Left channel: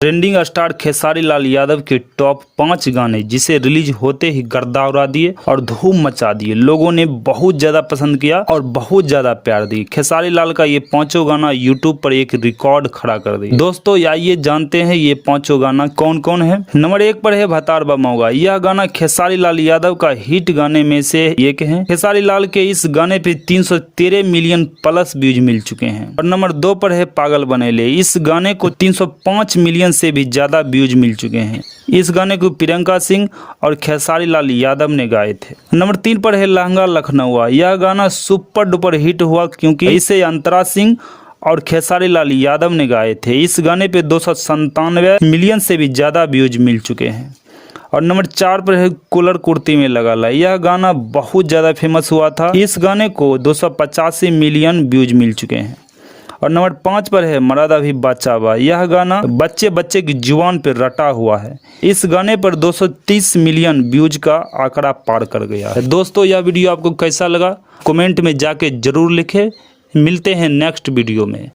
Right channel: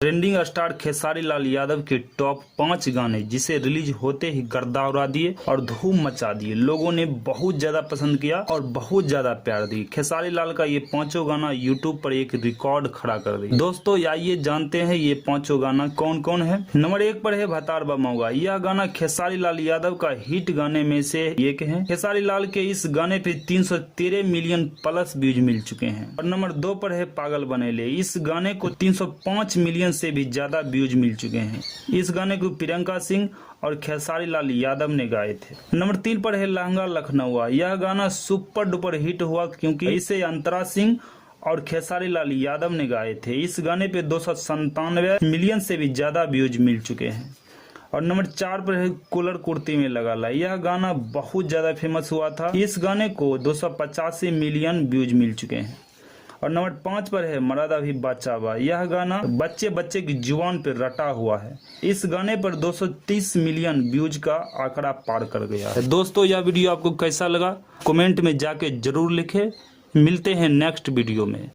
Trending star Khesari Lal Yadav के top 5 गाने जिसे रिलीज होते ही गर्दा उड़ा दिए और धूम मचा दिए। लोगों ने बहुत ज्यादा पसंद किया और बहुत ज्यादा प्यार दी। खेसारी लाल का ये पांचों गाना यूट्यूब पर एक रिकॉर्ड खड़ा कर दिया। दोस्तों आइए जानते हैं ये पांचों गाना कौन कौन है। नंबर 1 पर है भतार बा मौगा। यह गाना खेसारी लाल यादव का हिट गाने में से एक है। खेसारी लाल के इस गाने पे 313 मिलियन प्लस व्यूज मिल चुके हैं। और नंबर 2 पर है पागल बनेले। इस गाने को 305 मिलियन से भी ज्यादा व्यूज मिल चुके हैं। इस गाने को प्रियंका सिंह और खेसारी लाल यादव ने गाए थे। नंबर 3 पर है लहंगा लखनऊआ। यह गाना सुपर डुपर हिट हुआ क्योंकि इसे अंतरा सिंह और खेसारी लाल यादव ने गाए थे। इस गाने पे 297 मिलियन से भी ज्यादा व्यूज मिल चुके हैं। और नंबर 4 पर है कूलर कुर्ती में लगा ला। यह गाना बहुत ज्यादा फेमस हुआ था। इस गाने को 285 मिलियन व्यूज मिल चुके हैं। और नंबर 5 पर है मरादा भी बच्चा बा। यह गाना बच्चे बच्चे की जुबान पर रटा हुआ है। इस गाने पर 230 मिलियन व्यूज का आंकड़ा पार कर गया है। दोस्तों यह वीडियो आपको कैसा लगा कमेंट में जाके जरूर लिखें। मिलते हैं नेक्स्ट वीडियो में।